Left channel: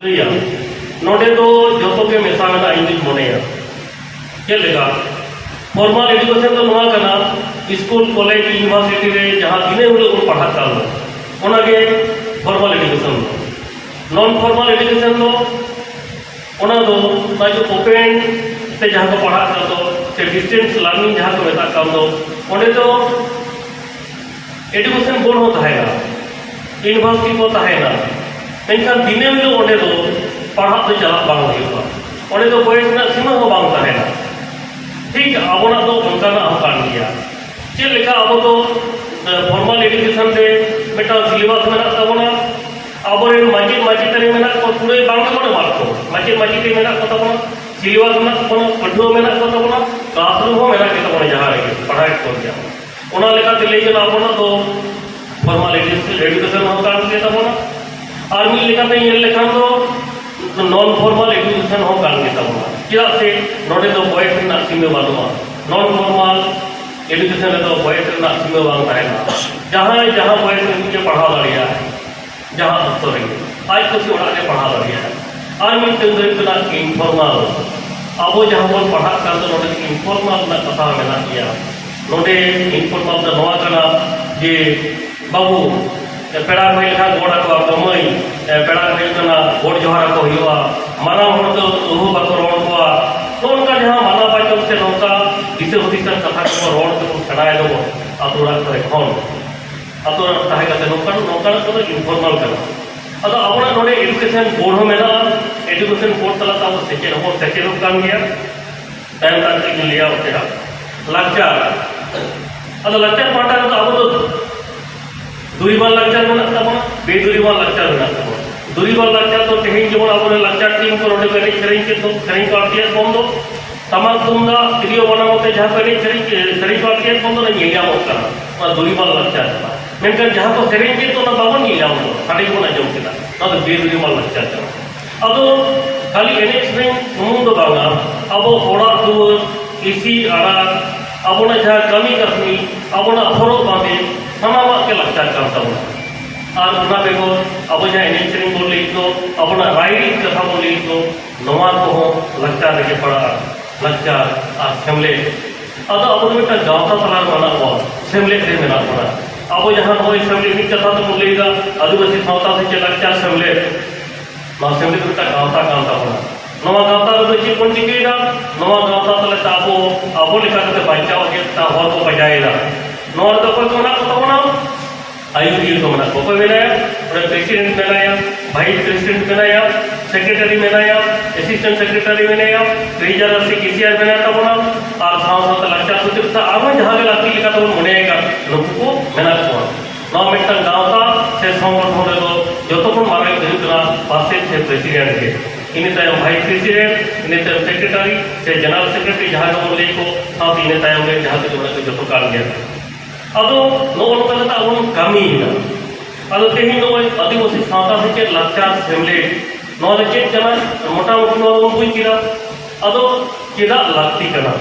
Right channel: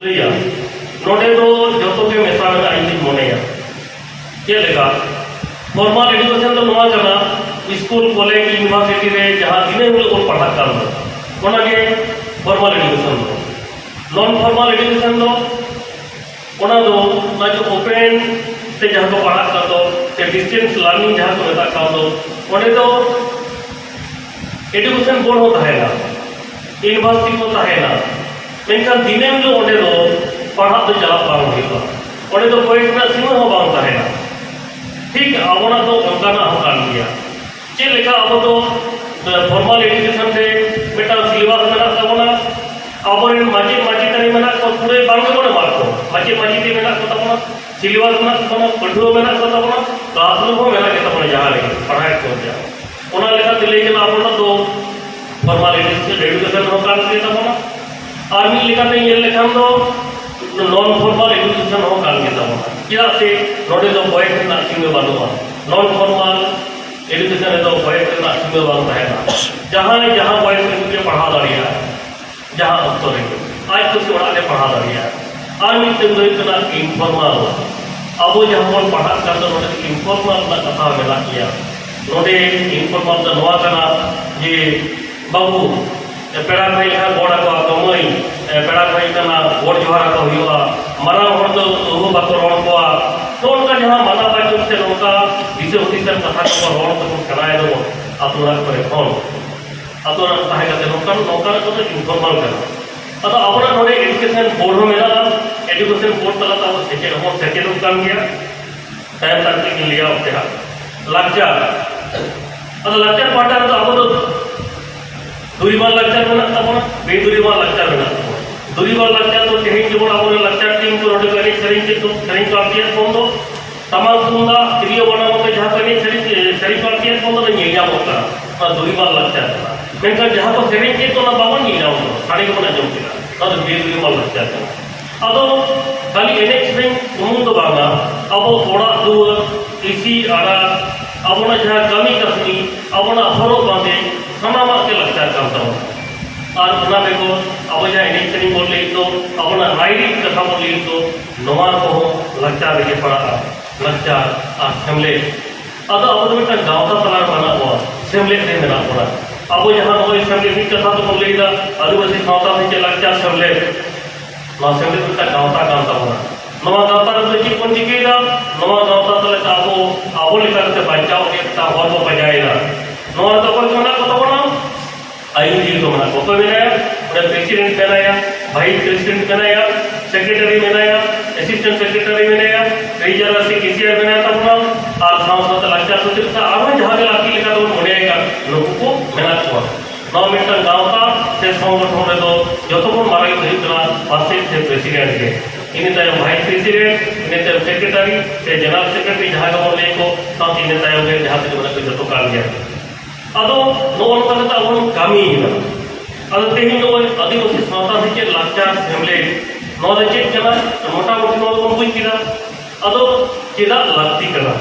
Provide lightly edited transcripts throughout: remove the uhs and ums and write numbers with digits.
नोडे तो जो के मेसा मोने चलेगा फॉर्मल एजुकेशन तो नवा करना स्कूल कॉलेज यूनिवर्सिटी रे जहां दिने हुए को पढ़ा कर लो ओनागे formal education non formal education दो ओपन से जहां को पढ़ा कर दो से डिस्टेंस लर्निंग जहां को मेता कर दो ओंडे तो एजुकेशन बोर्ड होता है ना यूनिवर्सिटी होता है ना मेनखान दिने हिलो ओंडे दो पढ़ा तो चला बांग हुआ ओंडे तो कोई ना सीमा हो बांग तहेना ठीक आबोना तो उनकाना हम कान गया चेक लेका अब तो फॉर्मल एजुकेशन से बेटा सिलेबस मेना ताबोना आबोरेन माजिद माजिदारी मेना को पूरे बांग को मारको माजिद माजिदी मेना को ताबोना सिलेबस मेना को पढ़ो मेना को ताबोना क्लासरूम हो मेना के ताबोना जहां रे पढ़ाई को जाओ ओना लेका दिले जे आबोना तो फॉर्मल एजुकेशन हो कान के ताबोना और मिल लेका पे ये लेखा तो नॉन फॉर्मल एजुकेशन हो कान के ताबोना क्या से नोडे तो बॉयज ना सीमे बानुआ नॉन फॉर्मल एजुकेशन तो बॉयज ना सीमे बान रहेगा जहां जहां बॉयज को पढ़ा दरिया जहां तो आज तो ओड़ा ने पढ़ा दरिया और मिल तो इनफॉर्मल अब जहां को पढ़ा कर तो नोडे इनफॉर्मल ना कथा मेना किया नोडे इनफॉर्मल तो नवा कना जे बाबू पेड़ा भाई खा गोड़ा को कमई पेड़ा भाई कना गोड़ जोहारा को हुआ मारा हर जो ओहो बाको रोड को तो उनका जहां माना बाजो से नौका दिसे हुदिसर कथा को रोड को खड़ाए दो अतुरा करे फोन अतुरा ताहे का नौका नौका को तो इनफॉर्मल कर अतो आवरा नोडे एजुकेशन बोर्ड हो मेला एजुकेशन बोर्ड तला ता सेकेंड काम गया टाइम तक के लिया ओकेरा लक्चर अतो लक्चर पाटा तो अब तो दुरीबार लक्चर बना ताबोना बेदुरीबार लक्चर बना ताबोना दुरीबार लक्चर तो तेही जेबोन आबो लक्चर टीम को रोड गाड़ी सरिंग के तो सरिंग को आपिया बंदो तमाम तुंगा वीडियो बनावते जहां पर सरिंग को आपिया बंदो ने येगा होता और दुरीबार लक्चर मेनका जहां को सरिंग के तो ना बाबन येगा हो साड़ी को ना जम केला तो बेदुरीबार लक्चर अदो खाली एनेक्स में तुम तो बागा अब थोड़ा दूर इसी आड़ा अब ना जहां कमी कसनी अब ना अफरो बांधे सानामा के लक्चर करता हूं और उना बेको अब जहां एनेक्स में बोल ले तो अब ना राइडिंग कथा बोल ले तो नवा को लक्चर रे पड़ा लक्चर असेंबली अब अब बेटा गांव का तला बना हुआ असेंबली से मेरा पड़ा अब जहां वो असेंबली की कथा तो बोल लेगा आदिवासी माता से लक्चर असेंबली असेंबली बेटा गांव का काम का होना नवा गांव का तो जी कौन दिखेगा नवा गांव का तो ताबो अब लिखा के बचाओ के ता हो तो बजाएगा नवा तो कोई कोना को होना आयु जी तो मना को बनाया और प्रेसिडेंट बनाया वाइस प्रेसिडेंट बनाया सेक्रेटरी बनाया असिस्टेंट सेक्रेटरी बनाया ट्रेजरर से केसीआर बनाता बना और साथ लक्चर सुतिता अब जहां के लाती लिखा तो मोनेगा लोगों को मेहनत को नौ मिनट गांव का से संगठन दो जो तो मारे करितला पासे से प्रेसिडेंट के इन तायम वाइस प्रेसिडेंट इन तायम सेक्रेटरी से जनरल सेक्रेटरी जहां का बोले को साथ इन तायम में जहां से जो तो काम गया अदो नोन पता उन कमी है अदो तेही नो आदिवासी सावता से लक्चर सेमले नो चेक जना मोटा मोटी नो बुझ किरा अदो केदा लागती करा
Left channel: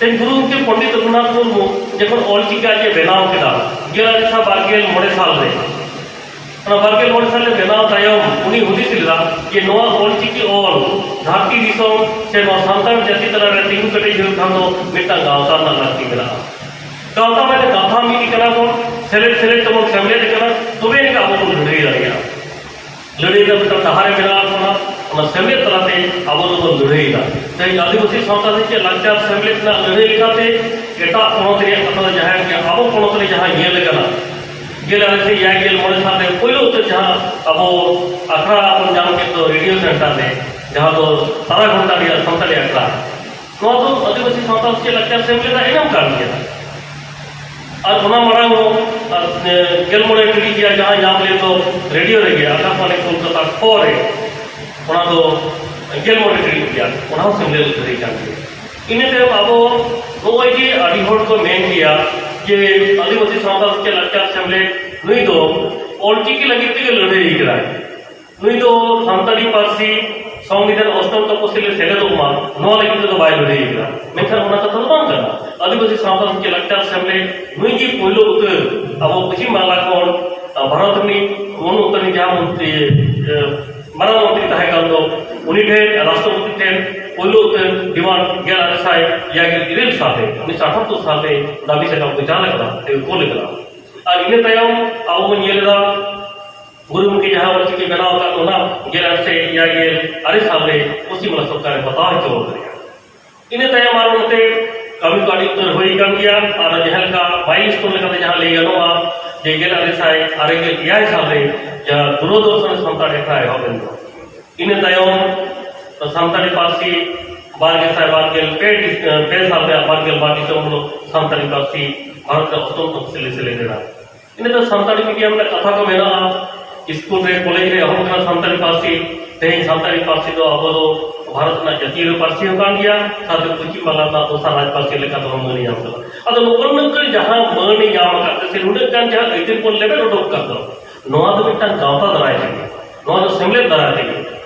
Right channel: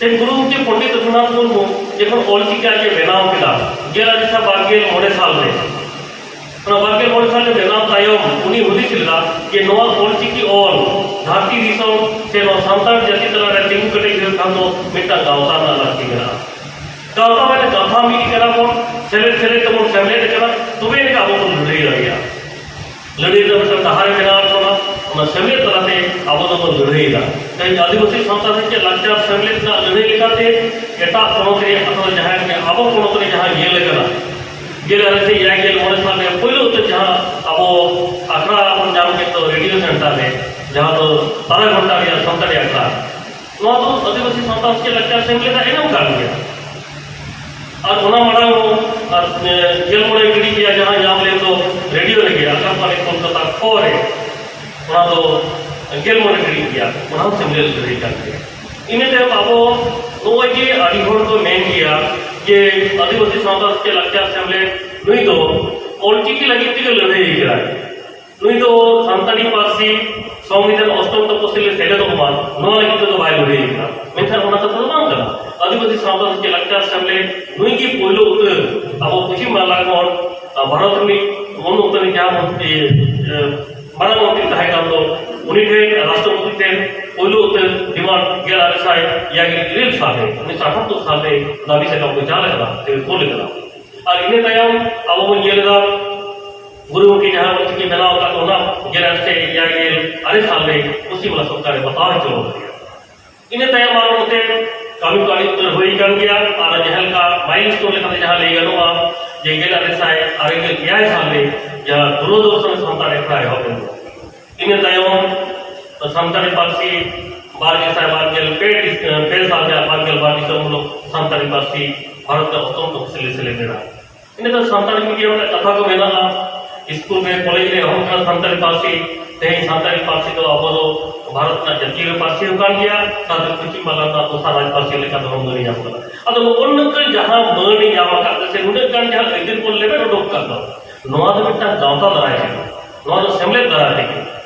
ते गुरु के पंडित रघुनाथ मुर्मू जखन ऑलचिका जे बेनाव केदा गेला दिशा बारगेल मोड़े साल रे बारगेल मोड़े साल रे बेनाव तायम उनी हुदिस लिदा जे नोआ ऑलचिकी ऑल धारती दिसोम से नो सांतार जति तरह रे तिंगु कटे जुल खानो मिटा गावता ना लागती मेरा गावता में कथा मी करा को सेले तो फैमिली करा तुवे का वो लड़ी लगिया लड़ी तो तहारे मेरा कोना और सेले तरह से अब तो लड़ी दा तई आदिवासी संस्था से लक्चर सेले ना लड़ी लिखाते एटा कोन रे अपना जहां के अब कोन रे जहां ये लगना गेले से या गेल मोर साथे पहिलो तो जहां अब अखरा अपन जान के तो रेडियो सेंटर है जहां तो 12 घंटा या 7 घंटा तो आदिवासी संस्था से लक्चर सेले ना इनाम कर दिया और उना मरा हो गेल मोड़े कड़ी किया जहां नाम ले तो रेडियो रे गया आकाशवाणी कोलकाता खोर है उना तो गेल मोड़े कड़ी किया उना सेमले कड़ी जाके इने ते अब ओए के अडिहोर को मेन किया कि आदिवासी समाज के लक्चर सेमले नहीं तो ऑलटी की लगी के लड़े करा नहीं तो संताली पारसी संविधान अष्टम तपसिल सेले तो मा नो लगी तो बाय लड़े करा मेनखान उना तो बांग करा आदिवासी समाज के लक्चर सेमले नुई की पोलो अब पश्चिम बांग्ला भारत में मन उत्तर जहां मारांग मंत्री तहे कान दो उनी ठे राष्ट्रपति ठे पोलो डिमांड गेल आरसाय यागे इरेल साले 1978 साले दाबी सकम को चाले करा ते कोले करा और इने तायम अब येलेदा गुरुमुखी जहां वर्ष की बनाव का ओना गेल से यागे अरे साले उसी वाला सरकार बताव चलो इने तायम मारो मते कभी काडी तो होई कान गया और जहां का माइलस्टोन लेका जहां ले गनोआ जे गेल अरे साय अरे गेल याय साले या दूरदर्शन संतान रेखा है होबेन इने तायम संतानी पार्सी बारगेसाय बारगेल पे साल में बारगेल बाटी से संतानी पार्सी भारत का प्रथम तफसीली सेलेक्टेड इन तो संतानी मीडिया में कथा को मेना स्कूल रे कॉलेज रे हम का संतानी पार्सी ते संतानी पार्सी तो अब तो भारत ना जातीय पार्सी हो कान गया साथ कुछ माला का तो सारा पार्सी लेका तो हम नहीं जाम कला अदो उन जहां मनी जाम का से उन जान जहां इदिन को लेबे डॉक का नोआ तो मिटा गांवता दराय नोआ तो सेमले दराय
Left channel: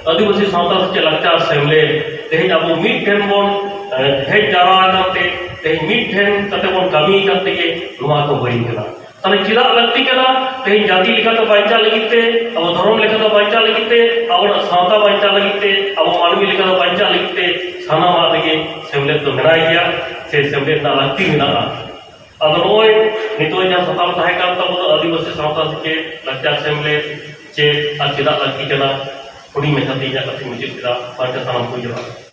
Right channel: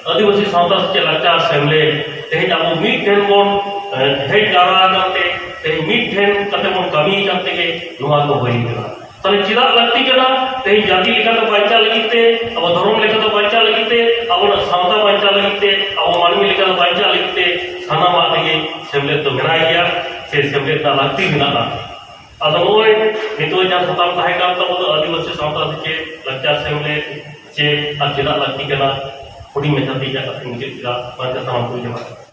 आदिवासी सावता से लाचार सेमले तेज अब मिड ठेन बोन हेड जावा करते तेज मिड ठेन कते बोन कमी करते के नोआ को होई कला तने चिरा लगती कला तेज जाति लेखा तो बांचा लगिते अब धर्म लेखा तो बांचा लगिते अब सावता बांचा लगिते अब मानवी लेखा तो बांचा लगिते साना मा लगे सेमले तो मेनाय गया से सेमले ता लगती मेना अब नोय नितो जा सताम ताहे काम तो आदिवासी सावता से लाचार सेमले चे आ चिरा लगती कला उड़ी में कती जा कती मुझे चिरा बांचा साम को जमा